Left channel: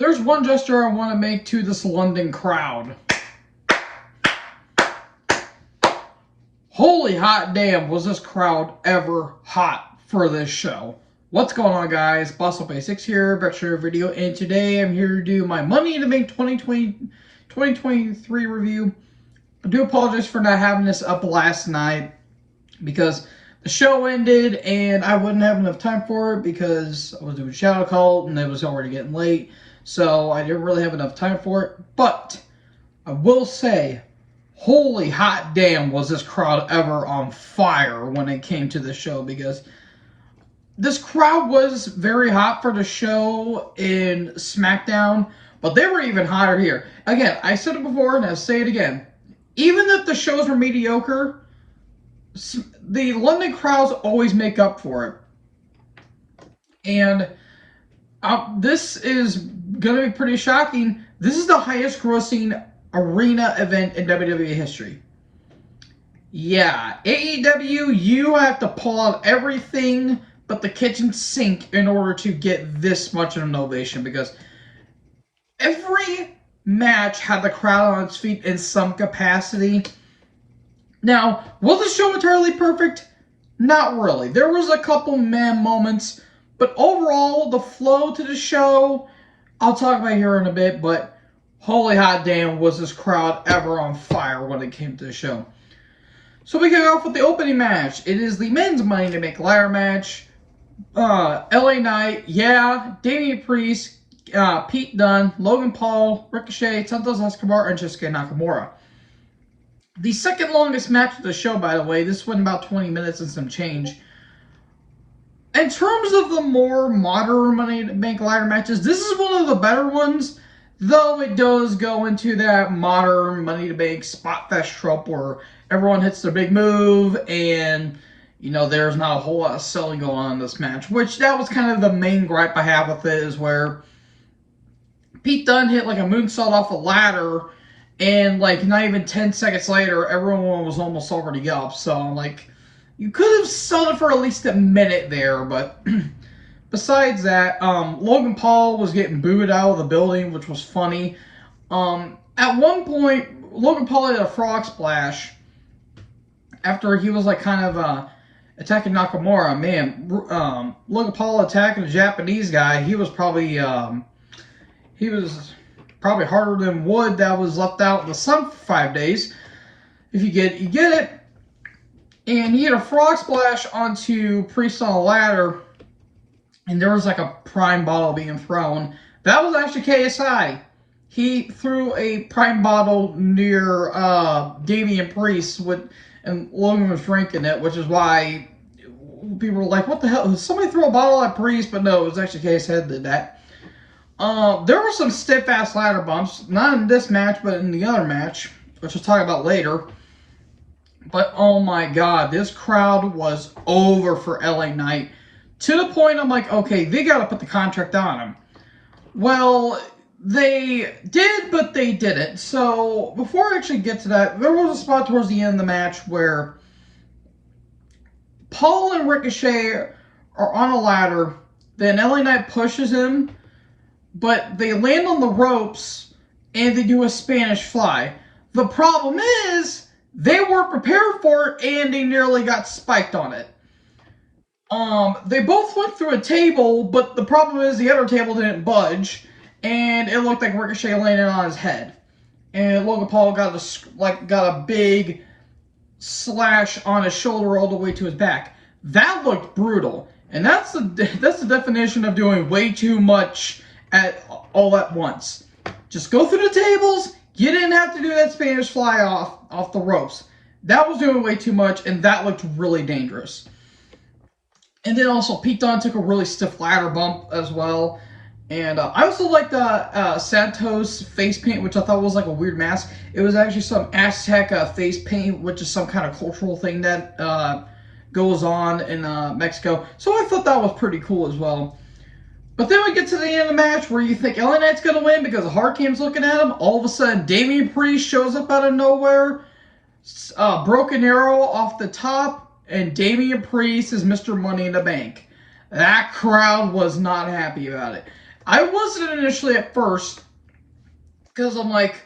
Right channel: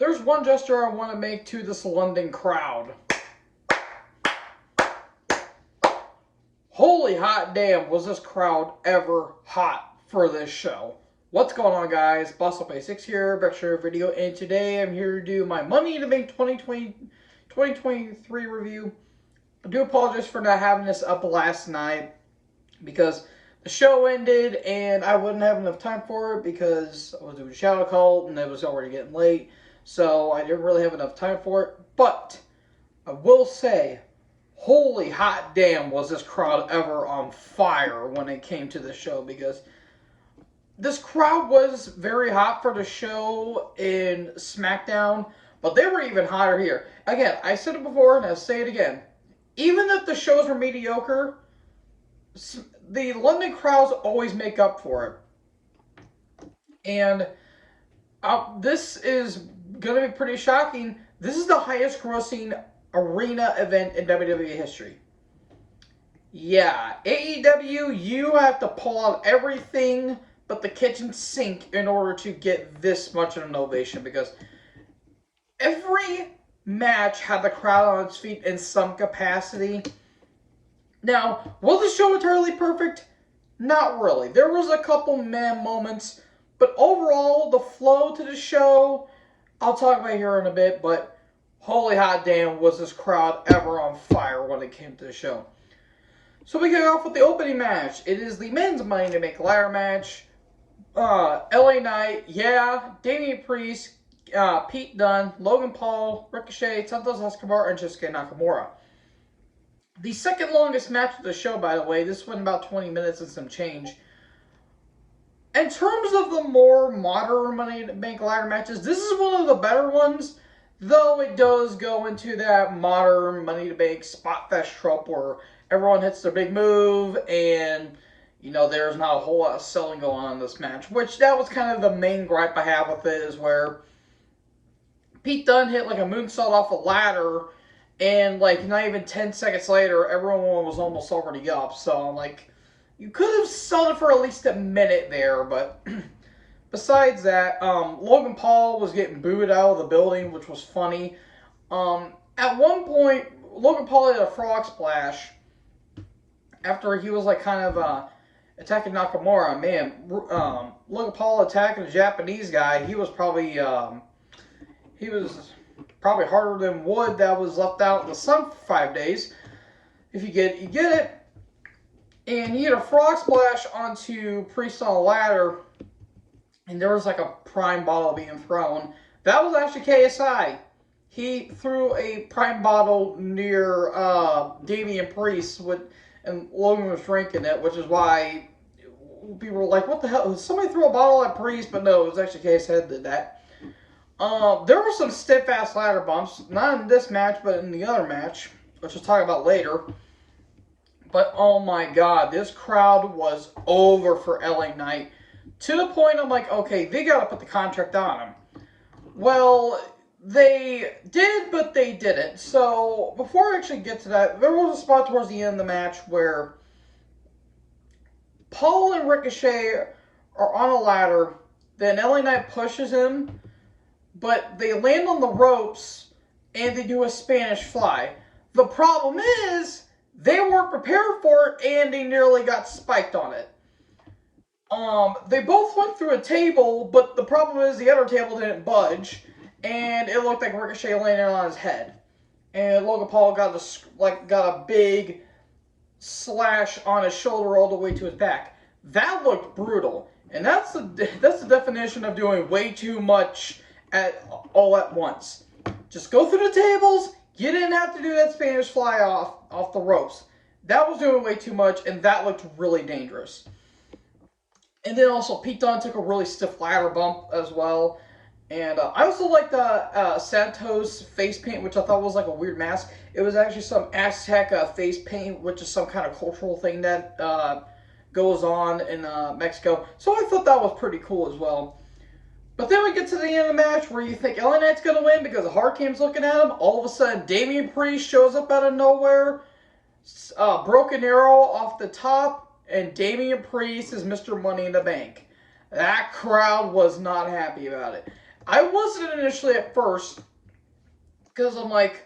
There's one gesture I want to make to this London crowd. Holy hot damn, was this crowd ever hot for this show. What's going on, guys? BossOp86 here, back to another video, and today I'm here to do my Money in the Bank 2023 review. I do apologize for not having this up last night because the show ended and I wouldn't have enough time for it because I was doing Shadow Cult and it was already getting late. So I didn't really have enough time for it. But I will say, holy hot damn, was this crowd ever on fire when it came to the show, because this crowd was very hot for the show in SmackDown, but they were even hotter here. Again, I said it before and I'll say it again. Even if the shows were mediocre, the London crowds always make up for it. And this is going to be pretty shocking. This is the highest grossing arena event in WWE history. Yeah, AEW, you have to pull out everything but the kitchen sink in order to get this much of an ovation, because every match had the crowd on its feet in some capacity. Now, was the show entirely perfect? Not really. There was a couple meh moments, but overall, the flow to the show, I'll talk about here in a bit, but holy hot damn, was this crowd ever on fire when it came to the show. So we kick off with the opening match. It is the men's Money in the Bank ladder match. LA Knight, yeah, Damian Priest, Pete Dunne, Logan Paul, Ricochet, Santos Escobar, and Shinsuke Nakamura. The second longest match of the show, by the way. This went about 20 minutes and some change. In terms of the more modern Money in the Bank ladder matches, this is one of the better ones, though it does go into that modern Money in the Bank spot fest trope where everyone hits their big move and, you know, there's not a whole lot of selling going on in this match, which that was kind of the main gripe I have with it, is where Pete Dunne hit like a moonsault off a ladder, and like not even 10 seconds later, everyone was almost already up. So I'm like, you could have sold it for at least a minute there. But besides that, Logan Paul was getting booed out of the building, which was funny. At one point, Logan Paul had a frog splash after he was like kind of attacking Nakamura. Man, Logan Paul attacking a Japanese guy, he was probably harder than wood that was left out in the sun for 5 days. If you get it. And he had a frog splash onto Priest on a ladder, and there was like a prime bottle being thrown. That was actually KSI. He threw a prime bottle near Damian Priest, and Logan was drinking it, which is why people were like, what the hell? Did somebody throw a bottle at Priest? But no, it was actually KSI that did that. There were some stiff-ass ladder bumps, not in this match, but in the other match, which we'll talk about later. But oh my god, this crowd was over for LA Knight, to the point I'm like, okay, they gotta put the contract on him. Well, they did, but they didn't. So before I actually get to that, there was a spot towards the end of the match where Paul and Ricochet are on a ladder, then LA Knight pushes him, but they land on the ropes and they do a Spanish fly. The problem is, they weren't prepared for it and they nearly got spiked on it. They both went through a table, but the problem is the other table didn't budge, and it looked like Ricochet landed on his head. And Logan Paul got a big slash on his shoulder all the way to his back. That looked brutal, and that's the definition of doing way too much all at once. Just go through the tables. You didn't have to do that Spanish fly off the ropes. That was doing way too much, and that looked really dangerous. And then also, Pete Dunne took a really stiff ladder bump as well. And I also liked the Santos face paint, which I thought was like a weird mask. It was actually some Aztec face paint, which is some kind of cultural thing that goes on in Mexico. So I thought that was pretty cool as well. But then we get to the end of the match where you think LA Knight's going to win because the Hard Cam's looking at him. All of a sudden, Damian Priest shows up out of nowhere. Broken Arrow off the top. And Damian Priest is Mr. Money in the Bank. That crowd was not happy about it. I wasn't initially at first, because I'm like,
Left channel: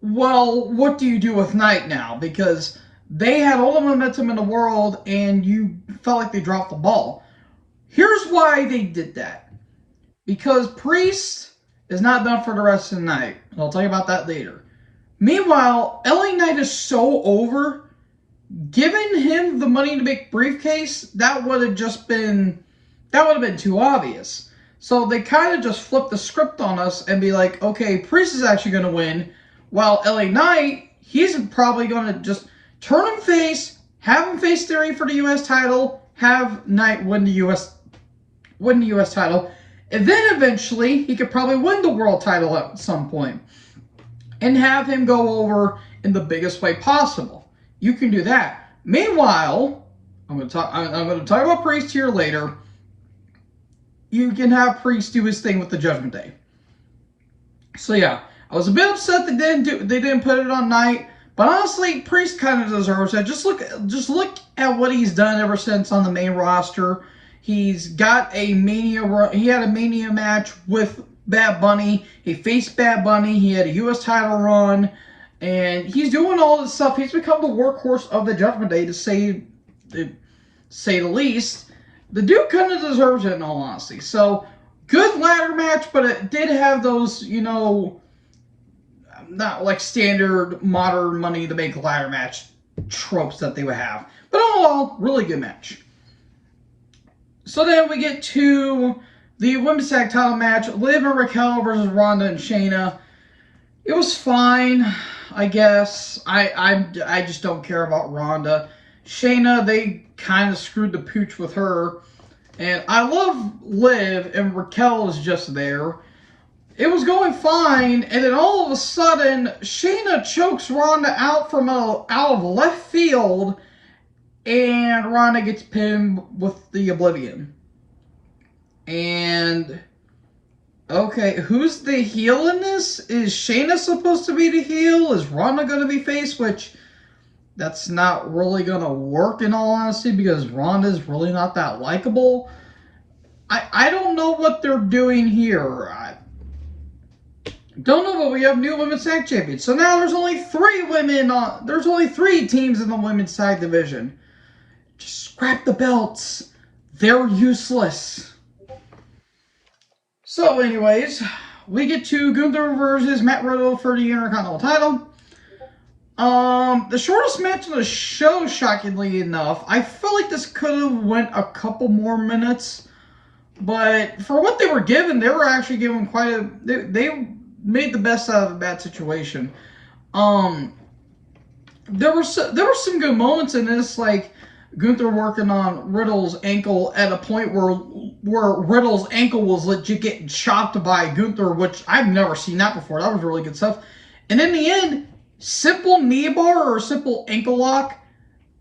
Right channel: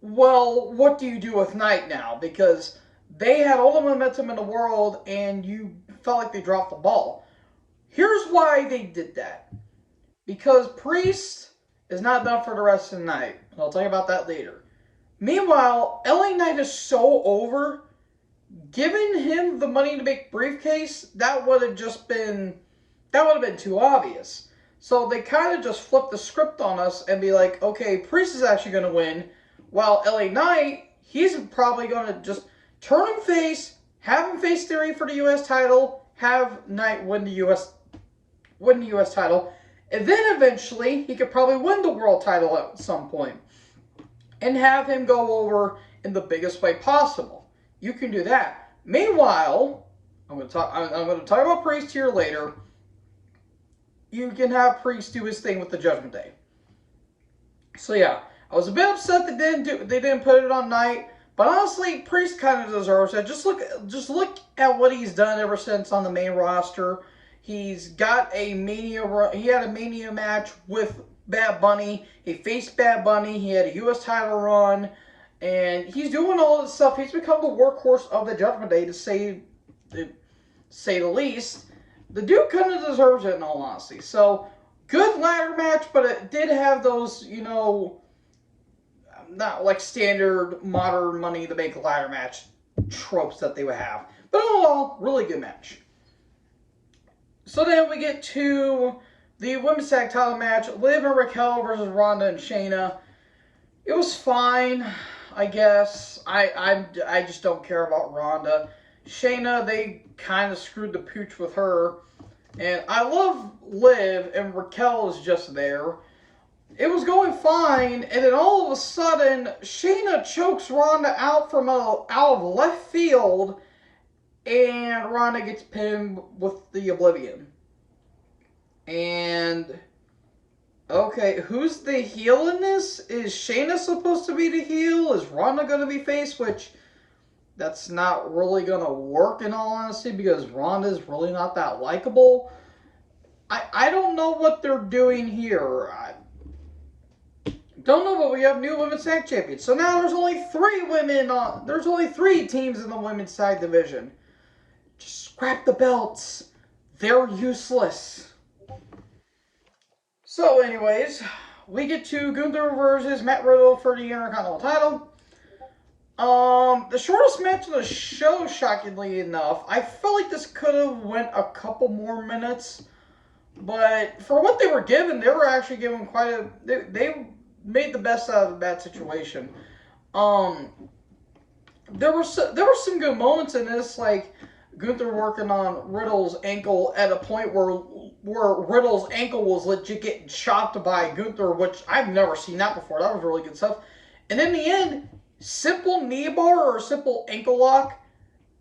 well, what do you do with Knight now? Because they had all the momentum in the world, and you felt like they dropped the ball. Here's why they did that. Because Priest is not done for the rest of the night. And I'll tell you about that later. Meanwhile, LA Knight is so over. Giving him the money to make briefcase, that would have been too obvious. So they kind of just flipped the script on us and be like, okay, Priest is actually going to win, while LA Knight, he's probably going to just turn him face, have him face Theory for the U.S. title, have Knight win the U.S. title, and then eventually he could probably win the world title at some point, and have him go over in the biggest way possible. You can do that. Meanwhile, I'm going to talk about Priest here later. You can have Priest do his thing with the Judgment Day. So yeah, I was a bit upset they didn't put it on Knight, but honestly, Priest kind of deserves it. Just look at what he's done ever since on the main roster. He's got a Mania. He had a Mania match with Bad Bunny. He faced Bad Bunny. He had a U.S. title run, and he's doing all this stuff. He's become the workhorse of the Judgment Day, to say the least. The dude kind of deserves it, in all honesty. So, good ladder match, but it did have those, not like standard modern Money in the Bank ladder match tropes that they would have. But all in all, really good match. So then we get to the women's tag title match, Liv and Raquel versus Ronda and Shayna. It was fine, I guess. I just don't care about Ronda. Shayna, they kind of screwed the pooch with her. And I love Liv, and Raquel is just there. It was going fine, and then all of a sudden, Shayna chokes Ronda out of left field, and Ronda gets pinned with the Oblivion. And okay, who's the heel in this? Is Shayna supposed to be the heel? Is Ronda going to be face? Which, that's not really going to work, in all honesty, because Ronda's really not that likable. I don't know what they're doing here. I don't know, but we have new women's tag champions. So now there's only 3 women there's only 3 teams in the women's tag division. Just scrap the belts. They're useless. So anyways, we get to Gunther versus Matt Riddle for the Intercontinental title. The shortest match of the show, shockingly enough. I feel like this could have went a couple more minutes, but for what they were given, they were actually given they made the best out of a bad situation. There were some good moments in this, like Gunther working on Riddle's ankle at a point where Riddle's ankle was legit getting chopped by Gunther, which I've never seen that before. That was really good stuff. And in the end, simple knee bar or simple ankle lock,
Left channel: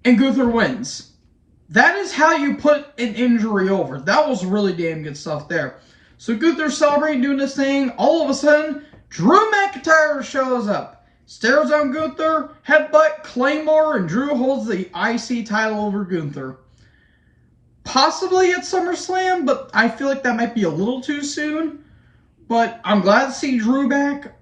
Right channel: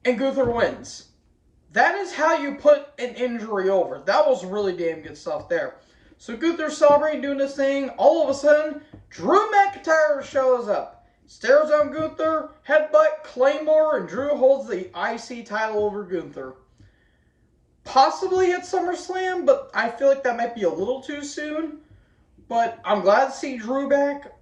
and Gunther wins. That is how you put an injury over. That was really damn good stuff there. So Gunther's celebrating, doing this thing. All of a sudden, Drew McIntyre shows up. Stares on Gunther, headbutt, Claymore, and Drew holds the IC title over Gunther. Possibly at SummerSlam, but I feel like that might be a little too soon. But I'm glad to see Drew back,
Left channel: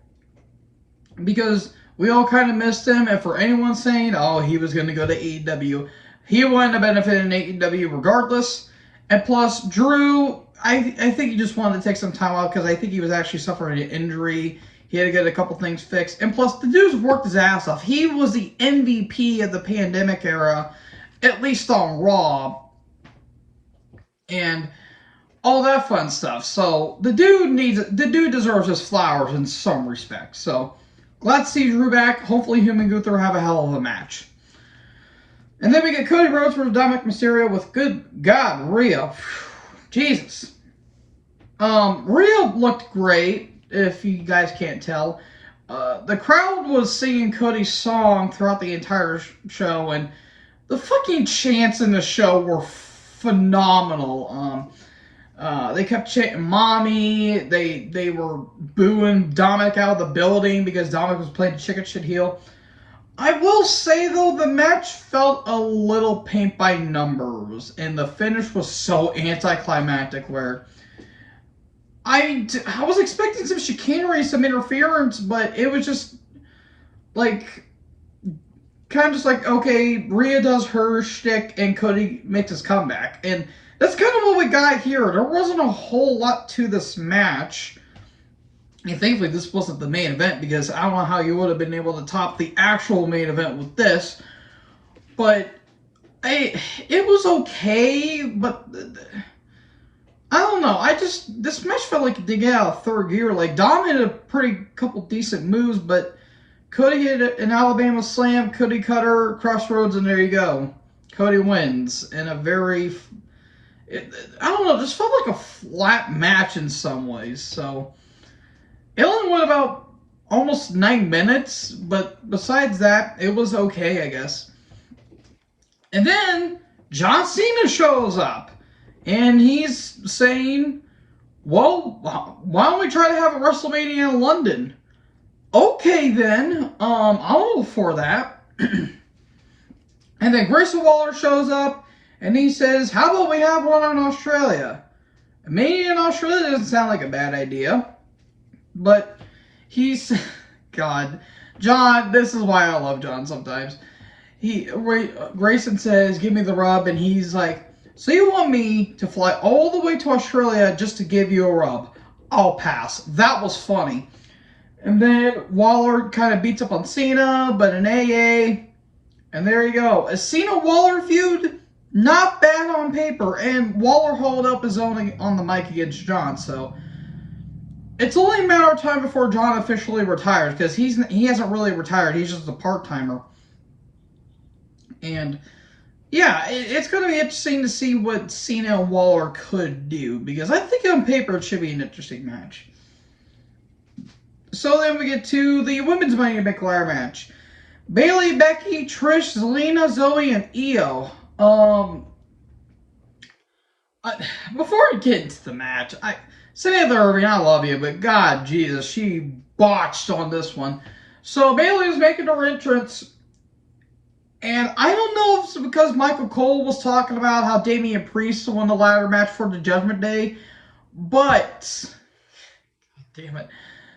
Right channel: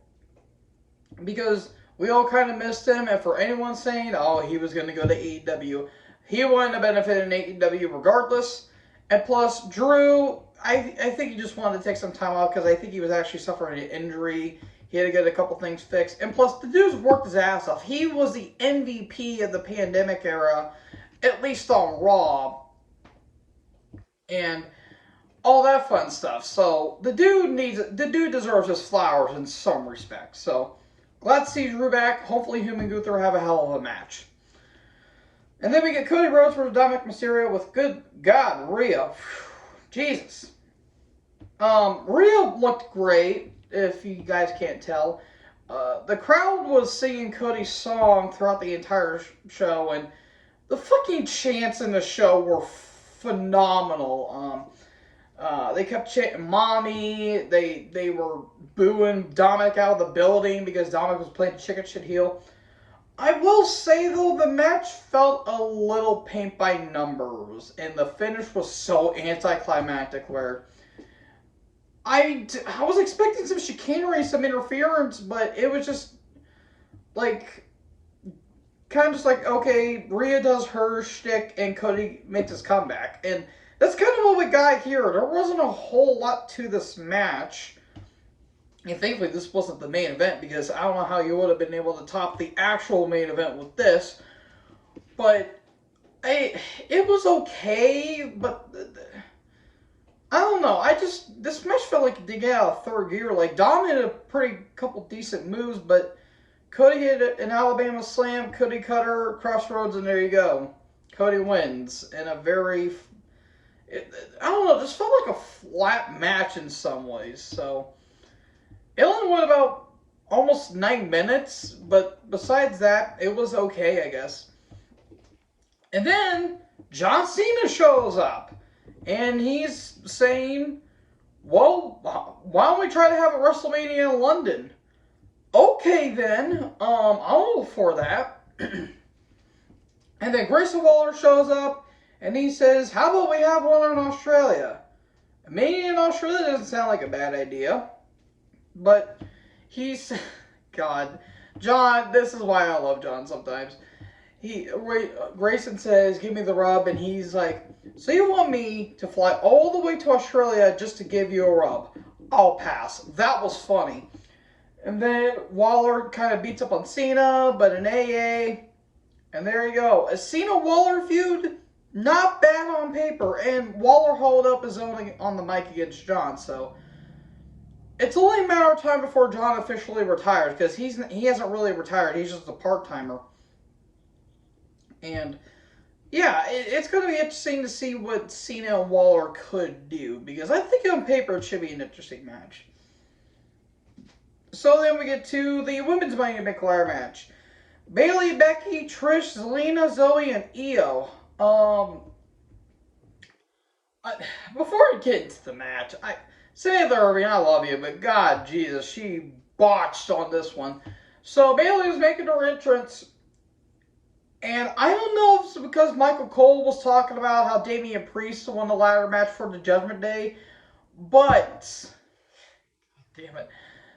because we all kind of missed him. And for anyone saying, oh, he was going to go to AEW, he wouldn't have benefited in AEW regardless. And plus, Drew, I think he just wanted to take some time off, because I think he was actually suffering an injury. He had to get a couple things fixed. And plus, the dude's worked his ass off. He was the MVP of the pandemic era, at least on Raw, and all that fun stuff. So the dude deserves his flowers in some respects. So glad to see Drew back. Hopefully him and Gunther have a hell of a match. And then we get Cody Rhodes versus Dominic Mysterio with, good God, Rhea. Jesus. Rhea looked great, if you guys can't tell. The crowd was singing Cody's song throughout the entire show, and the fucking chants in the show were phenomenal. They kept chanting "Mommy." They were booing Dominic out of the building because Dominic was playing chicken shit heel. I will say, though, the match felt a little paint by numbers, and the finish was so anticlimactic, where I was expecting some chicanery, some interference, but it was just like kind of just like, okay, Rhea does her shtick and Cody makes his comeback, and that's kind of what we got here. There wasn't a whole lot to this match. And thankfully, this wasn't the main event because I don't know how you would have been able to top the actual main event with this. But it was okay, but I don't know. This match felt like it did get out of third gear. Like, Dom had a pretty couple decent moves, but Cody hit an Alabama slam, Cody cutter, crossroads, and there you go. Cody wins in a very, I don't know, this felt like a flat match in some ways. So, it only went about almost 9 minutes, but besides that, it was okay, I guess. And then John Cena shows up, and he's saying, well, why don't we try to have a WrestleMania in London? Okay, then, I'll go for that. And then Grayson Waller shows up, and he says, how about we have one in Australia? Mania in Australia doesn't sound like a bad idea. But he's, God, John, this is why I love John sometimes. Grayson says, give me the rub, and he's like, so you want me to fly all the way to Australia just to give you a rub? I'll pass. That was funny. And then Waller kind of beats up on Cena, but an AA. And there you go. A Cena-Waller feud, not bad on paper. And Waller hauled up his own on the mic against John, so it's only a matter of time before John officially retires, because he hasn't really retired. He's just a part-timer. And yeah, it's going to be interesting to see what Cena and Waller could do, because I think on paper it should be an interesting match. So then we get to the women's Money in the Bank ladder match. Bayley, Becky, Trish, Zelina, Zoe, and Io. Before I get into the match, Samantha Irving, I love you, but God, Jesus, she botched on this one. So Bayley was making her entrance, and I don't know if it's because Michael Cole was talking about how Damian Priest won the ladder match for the Judgment Day, but, damn it,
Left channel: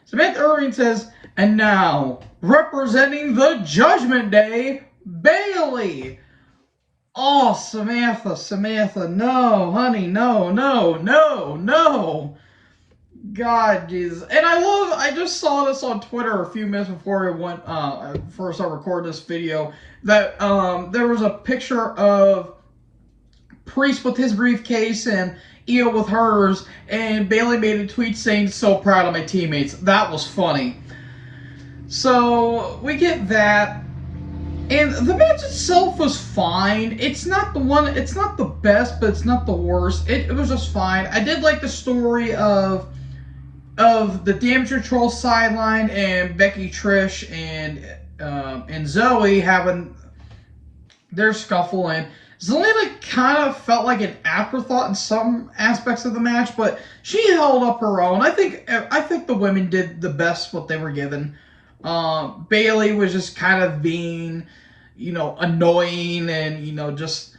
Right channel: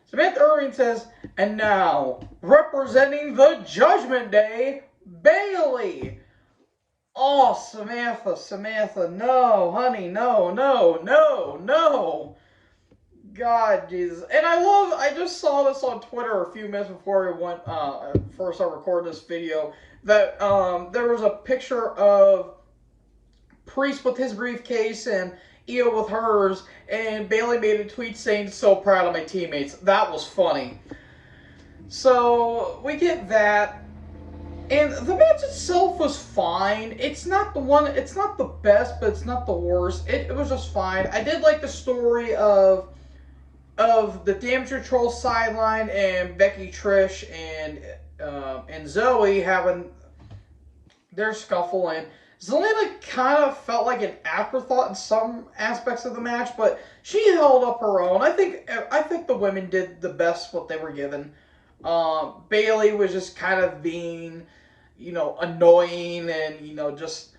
Samantha Irving says, and now, representing the Judgment Day, Bayley. Oh, Samantha, no, honey, no. God, Jesus. And I just saw this on Twitter a few minutes before first I recorded this video, that there was a picture of Priest with his briefcase and Io with hers, and Bayley made a tweet saying, so proud of my teammates. That was funny. So, we get that. And the match itself was fine. It's not the best, but it's not the worst. It was just fine. I did like the story of the Damage Control sideline and Becky, Trish, and Zoe having their scuffle, and Zelina kind of felt like an afterthought in some aspects of the match, but she held up her own. I think the women did the best what they were given. Bayley was just kind of being, annoying and, just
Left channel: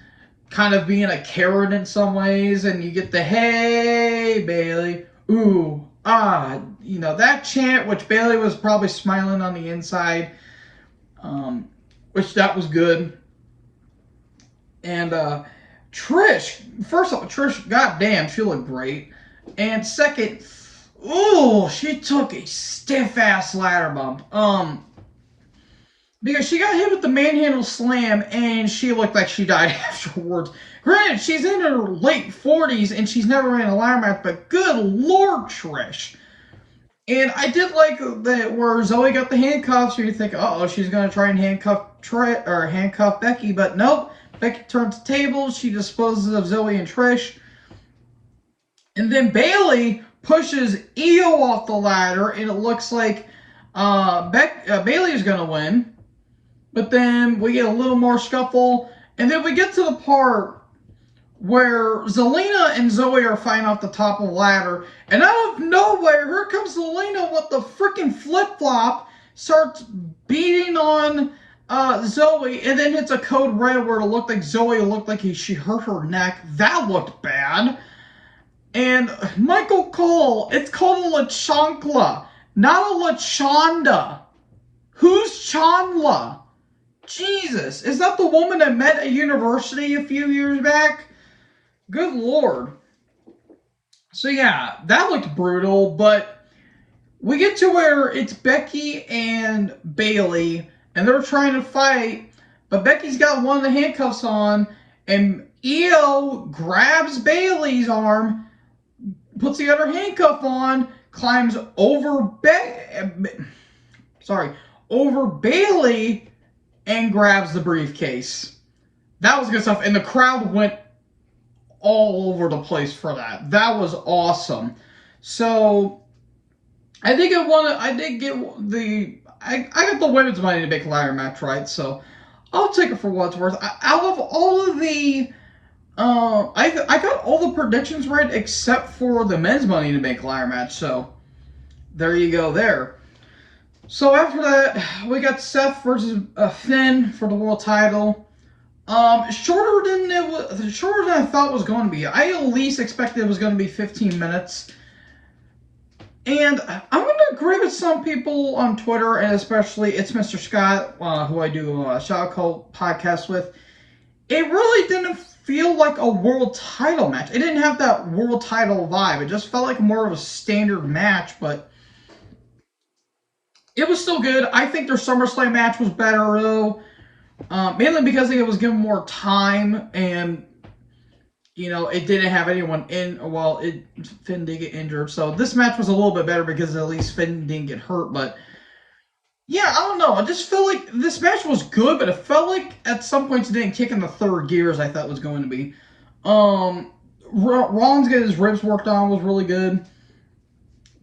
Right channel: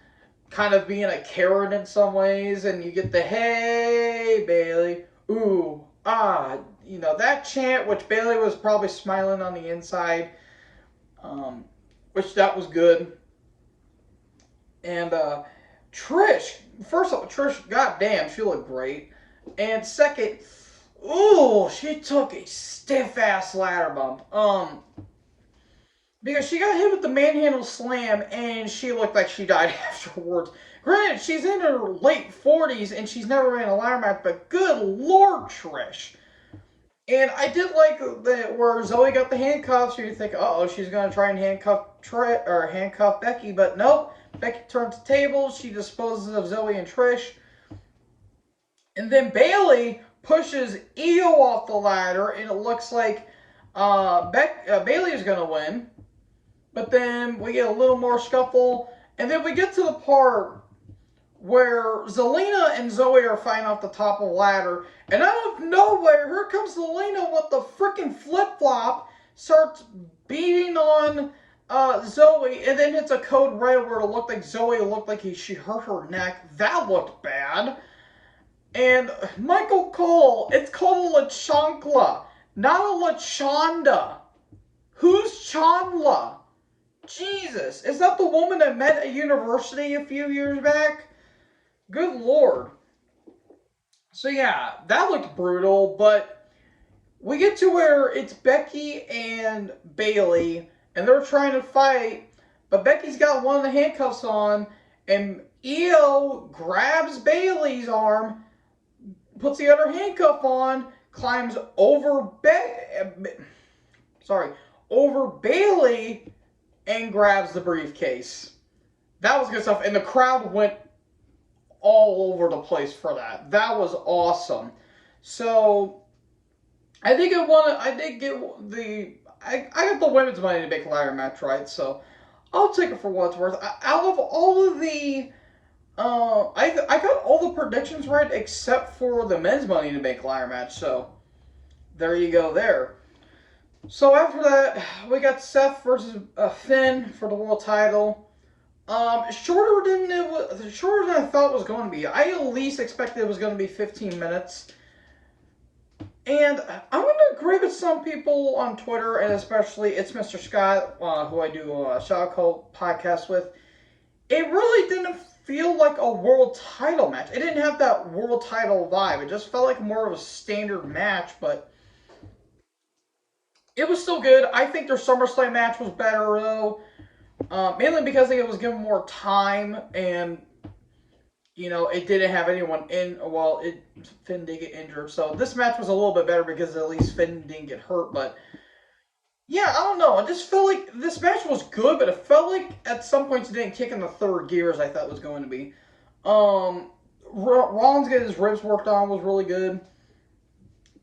kind of being a carrot in some ways, and you get the, hey, Bayley, ooh, that chant, which Bayley was probably smiling on the inside, which that was good. And Trish, first of all, goddamn, she looked great. And second, ooh, she took a stiff-ass ladder bump. Because she got hit with the manhandle slam, and she looked like she died afterwards. Granted, she's in her late 40s, and she's never ran a ladder match, but good Lord, Trish. And I did like that where Zoe got the handcuffs, so you think, uh-oh, she's going to try and handcuff Becky, but nope. Becky turns the table, she disposes of Zoe and Trish. And then Bayley pushes Io off the ladder, and it looks like Bayley is going to win. But then we get a little more scuffle, and then we get to the part where Zelina and Zoe are fighting off the top of the ladder, and out of nowhere, here comes Zelina with the freaking flip-flop, starts beating on Zoe, and then hits a code red where it looked like Zoe she hurt her neck. That looked bad. And Michael Cole, it's called a LaChankla, not a LaChonda. Who's Chandla? Jesus, is that the woman that met at university a few years back? Good Lord. So yeah, that looked brutal, but we get to where it's Becky and Bayley, and they're trying to fight, but Becky's got one of the handcuffs on, and Io grabs Bayley's arm, puts the other handcuff on, climbs over over Bayley, and grabs the briefcase. That was good stuff, and the crowd went all over the place for that. That was awesome. So I did get I got the women's Money in the Bank ladder match right, so I'll take it for what it's worth. Out of all of the I got all the predictions right except for the men's Money in the Bank ladder match, so there you go there. So after that, we got Seth versus Finn for the world title. Shorter than I thought it was going to be. I at least expected it was going to be 15 minutes. And I'm going to agree with some people on Twitter, and especially it's Mr. Scott, who I do a Shout Call podcast with. It really didn't feel like a world title match. It didn't have that world title vibe. It just felt like more of a standard match, but it was still good. I think their SummerSlam match was better, though. Mainly because I think it was given more time, and it didn't have anyone in. Well, Finn did get injured, so this match was a little bit better because at least Finn didn't get hurt. But yeah, I don't know. I just feel like this match was good, but it felt like at some points it didn't kick in the third gear as I thought it was going to be. Rollins getting his ribs worked on was really good,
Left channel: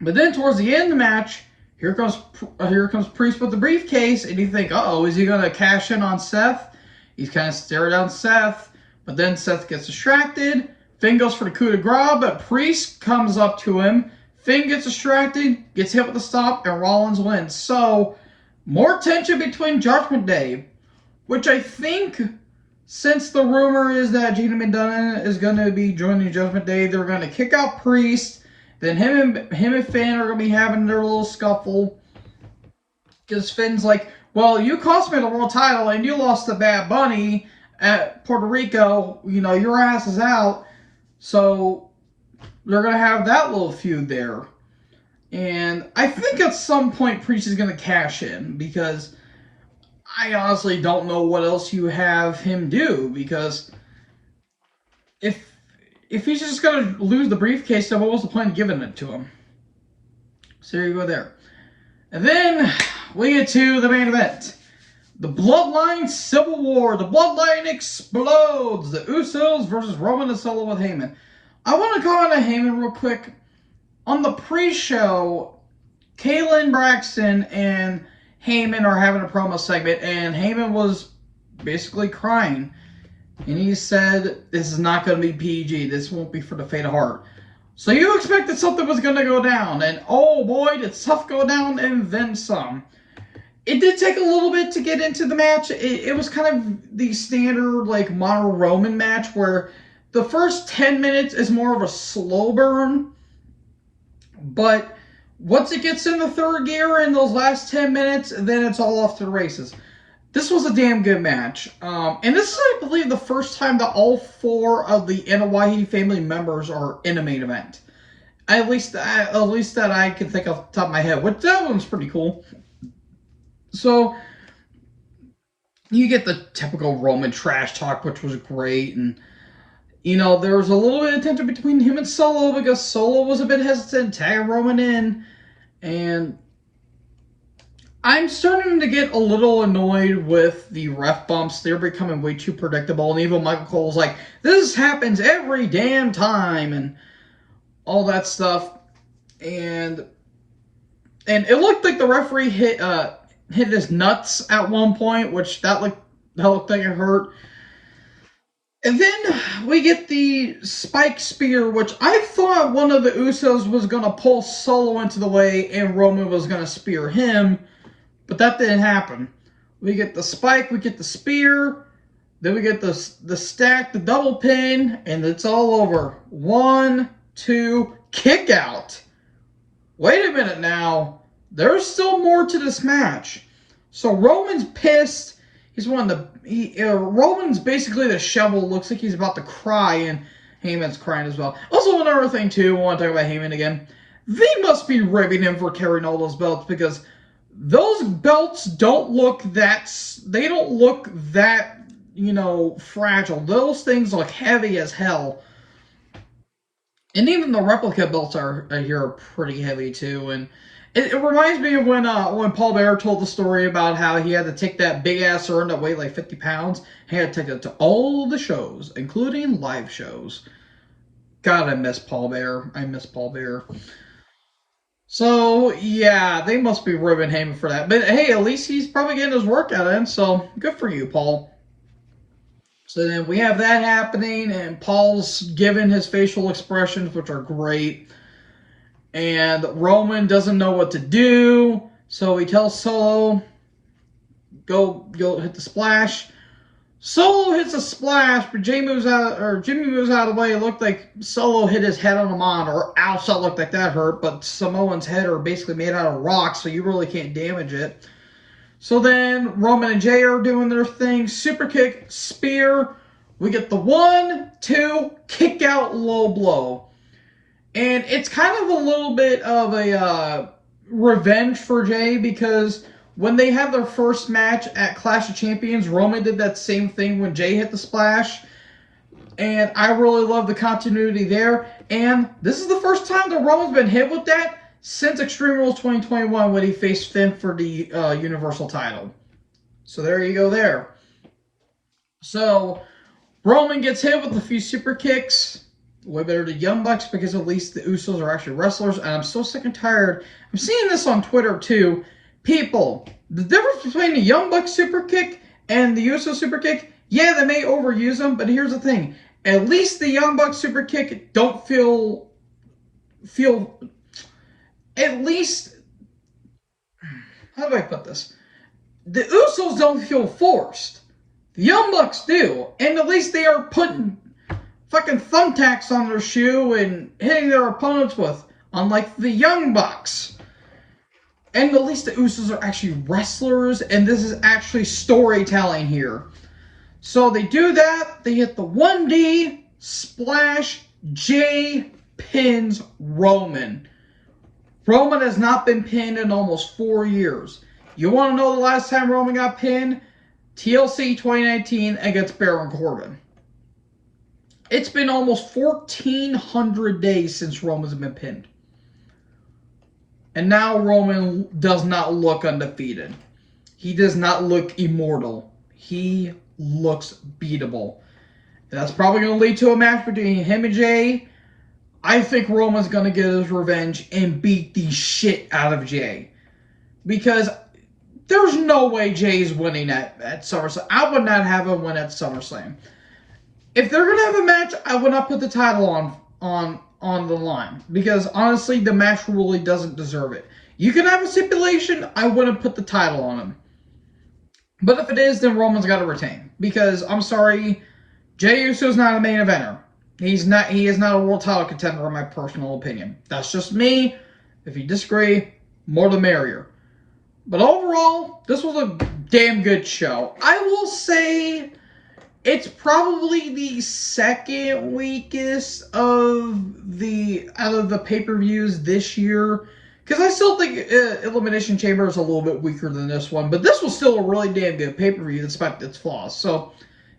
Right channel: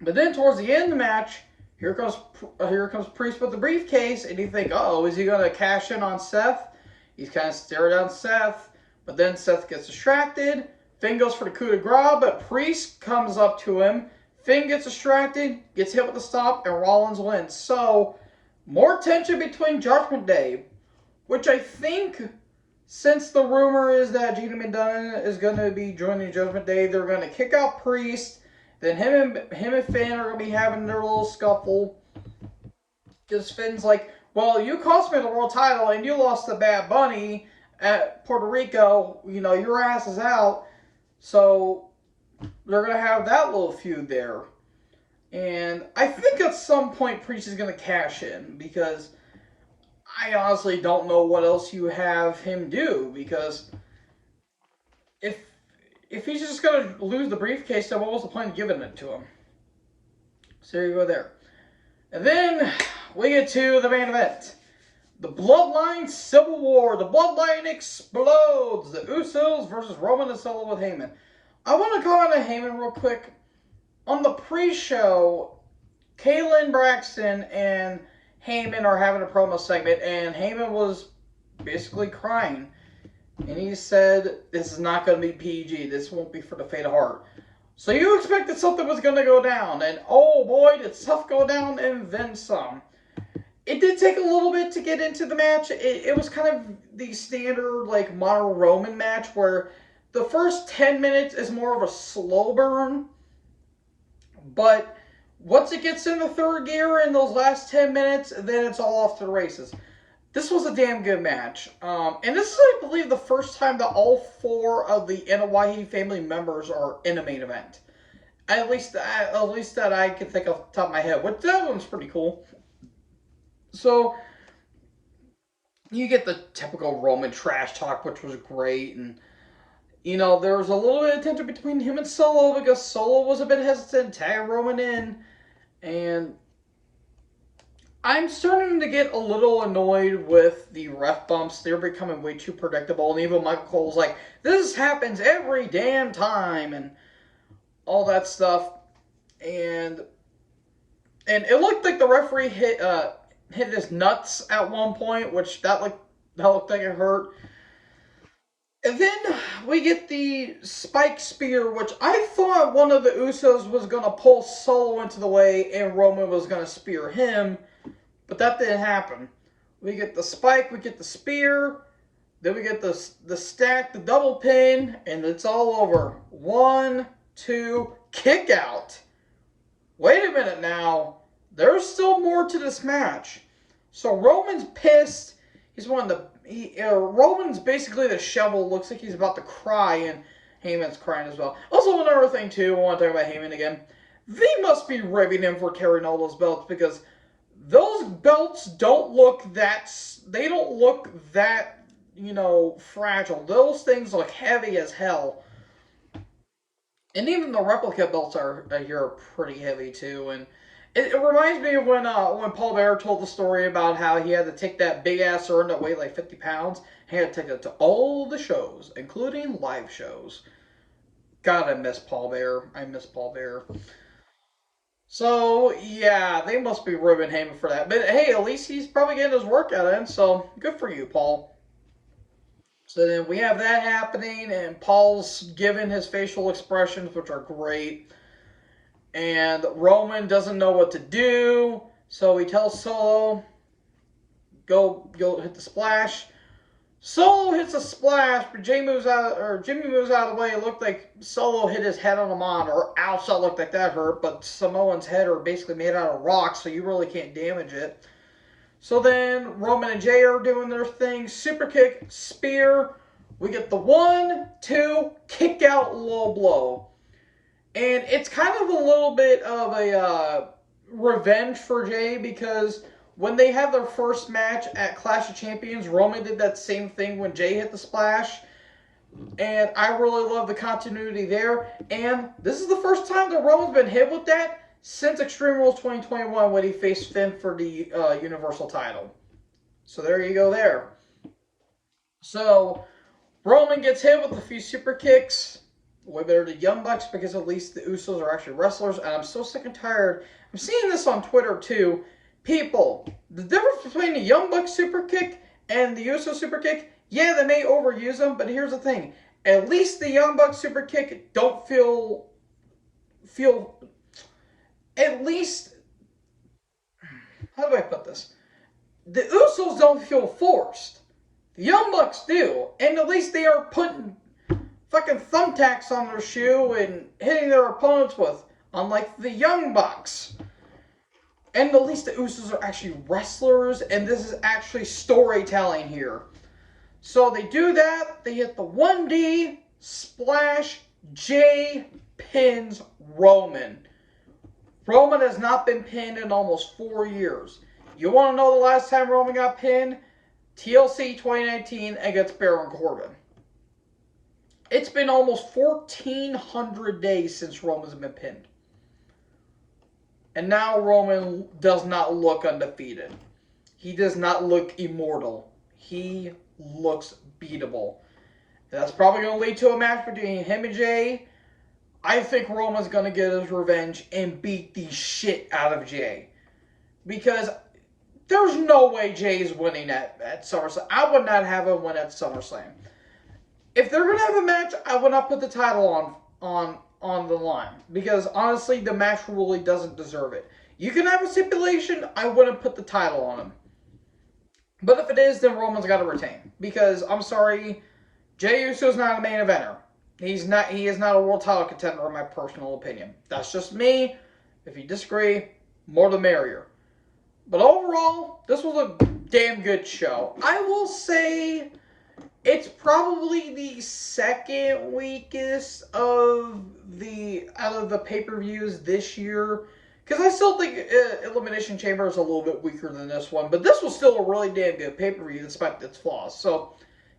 but then towards the end of the match, Here comes Priest with the briefcase, and you think, uh-oh, is he going to cash in on Seth? He's kind of staring down Seth, but then Seth gets distracted. Finn goes for the coup de grace, but Priest comes up to him. Finn gets distracted, gets hit with the stop, and Rollins wins. So, more tension between Judgment Day, which I think, since the rumor is that Gina McDonough is going to be joining Judgment Day, they're going to kick out Priest. Then him and Finn are going to be having their little scuffle. Because Finn's like, well, you cost me the world title and you lost to Bad Bunny at Puerto Rico. Your ass is out. So they're going to have that little feud there. And I think at some point Priest is going to cash in. Because I honestly don't know what else you have him do. Because if he's just going to lose the briefcase, then what was the point of giving it to him? So there you go there. And then we get to the main event. The Bloodline Civil War. The Bloodline explodes. The Usos versus Roman and Solo with Heyman. I want to comment on Heyman real quick. On the pre-show, Kayla Braxton and Heyman are having a promo segment, and Heyman was basically crying. And he said, this is not going to be PG. This won't be for the faint of heart. So you expected something was going to go down. And oh boy, did stuff go down and then some. It did take a little bit to get into the match. It was kind of the standard Mono Roman match where the first 10 minutes is more of a slow burn. But once it gets in the third gear in those last 10 minutes, then it's all off to the races. This was a damn good match. And this is, I believe, the first time that all 4 of the Anoa'i family members are in a main event. At least that I can think off the top of my head. Which that one's pretty cool. So, you get the typical Roman trash talk, which was great. And, there was a little bit of tension between him and Solo because Solo was a bit hesitant to tag Roman in. And I'm starting to get a little annoyed with the ref bumps. They're becoming way too predictable. And even Michael Cole's like, this happens every damn time. And all that stuff. And it looked like the referee hit his nuts at one point, which that looked like it hurt. And then we get the spike spear, which I thought one of the Usos was going to pull Solo into the way and Roman was going to spear him. But that didn't happen. We get the spike, we get the spear, then we get the stack, the double pin, and it's all over. 1, 2, kick out. Wait a minute now. There's still more to this match. So Roman's pissed. He's Roman's basically the shovel. Looks like he's about to cry, and Heyman's crying as well. Also, another thing too, I want to talk about Heyman again. They must be ribbing him for carrying all those belts, because those belts don't look that. They don't look that, fragile. Those things look heavy as hell. And even the replica belts are pretty heavy too. And it reminds me of when Paul Bearer told the story about how he had to take that big ass urn that weighed like 50 pounds. He had to take it to all the shows, including live shows. God, I miss Paul Bearer. I miss Paul Bearer. So yeah, they must be ribbing Heyman for that. But hey, at least he's probably getting his workout in. So good for you, Paul. So then we have that happening, and Paul's giving his facial expressions, which are great. And Roman doesn't know what to do, so he tells Solo, go hit the splash. Solo hits a splash, but Jimmy moves out of the way. It looked like Solo hit his head on a monitor. Ouch, that looked like that hurt, but Samoan's head are basically made out of rocks, so you really can't damage it. So then Roman and Jay are doing their thing. Super kick, spear. We get the 1, 2, kick out, low blow. And it's kind of a little bit of a revenge for Jay, because when they had their first match at Clash of Champions, Roman did that same thing when Jay hit the splash. And I really love the continuity there. And this is the first time that Roman's been hit with that since Extreme Rules 2021, when he faced Finn for the Universal title. So there you go there. So Roman gets hit with a few super kicks. Way better to Young Bucks, because at least the Usos are actually wrestlers. And I'm so sick and tired. I'm seeing this on Twitter too. People, the difference between the Young Bucks super kick and the Usos super kick, yeah, they may overuse them, but here's the thing. At least the Young Bucks super kick don't feel at least, how do I put this? The Usos don't feel forced. The Young Bucks do. And at least they are putting fucking thumbtacks on their shoe and hitting their opponents with, unlike the Young Bucks. And at least the Usos are actually wrestlers, and this is actually storytelling here. So they do that. They hit the 1D, splash, Jay pins Roman. Roman has not been pinned in almost 4 years. You want to know the last time Roman got pinned? TLC 2019 against Baron Corbin. It's been almost 1,400 days since Roman's been pinned. And now Roman does not look undefeated. He does not look immortal. He looks beatable. And that's probably going to lead to a match between him and Jay. I think Roman's going to get his revenge and beat the shit out of Jay. Because there's no way Jay's winning at SummerSlam. I would not have him win at SummerSlam. If they're going to have a match, I would not put the title on the line. Because honestly, the match really doesn't deserve it. You can have a stipulation, I wouldn't put the title on him. But if it is, then Roman's got to retain. Because, I'm sorry, Jey Uso's not a main eventer. He is not a world title contender, in my personal opinion. That's just me. If you disagree, more the merrier. But overall, this was a damn good show. I will say it's probably the second weakest out of the pay-per-views this year. Because I still think Elimination Chamber is a little bit weaker than this one. But this was still a really damn good pay-per-view despite its flaws. So,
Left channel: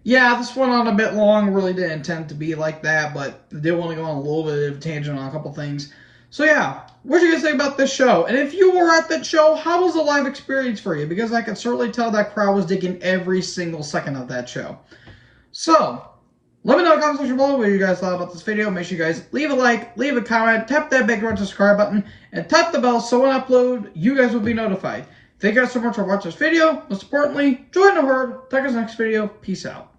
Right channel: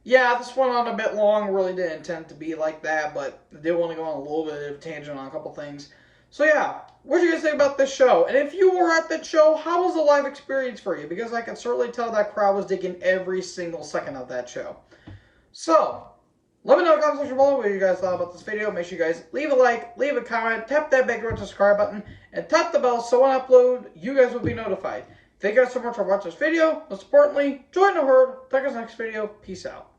yeah, this went on a bit long. Really didn't intend to be like that. But I did want to go on a little bit of a tangent on a couple things. So, yeah, what do you guys think about this show? And if you were at that show, how was the live experience for you? Because I could certainly tell that crowd was digging every single second of that show. So, let me know in the comment section below what you guys thought about this video. Make sure you guys leave a like, leave a comment, tap that big red subscribe button, and tap the bell so when I upload, you guys will be notified. Thank you guys so much for watching this video. Most importantly, join the herd. Take us next video. Peace out.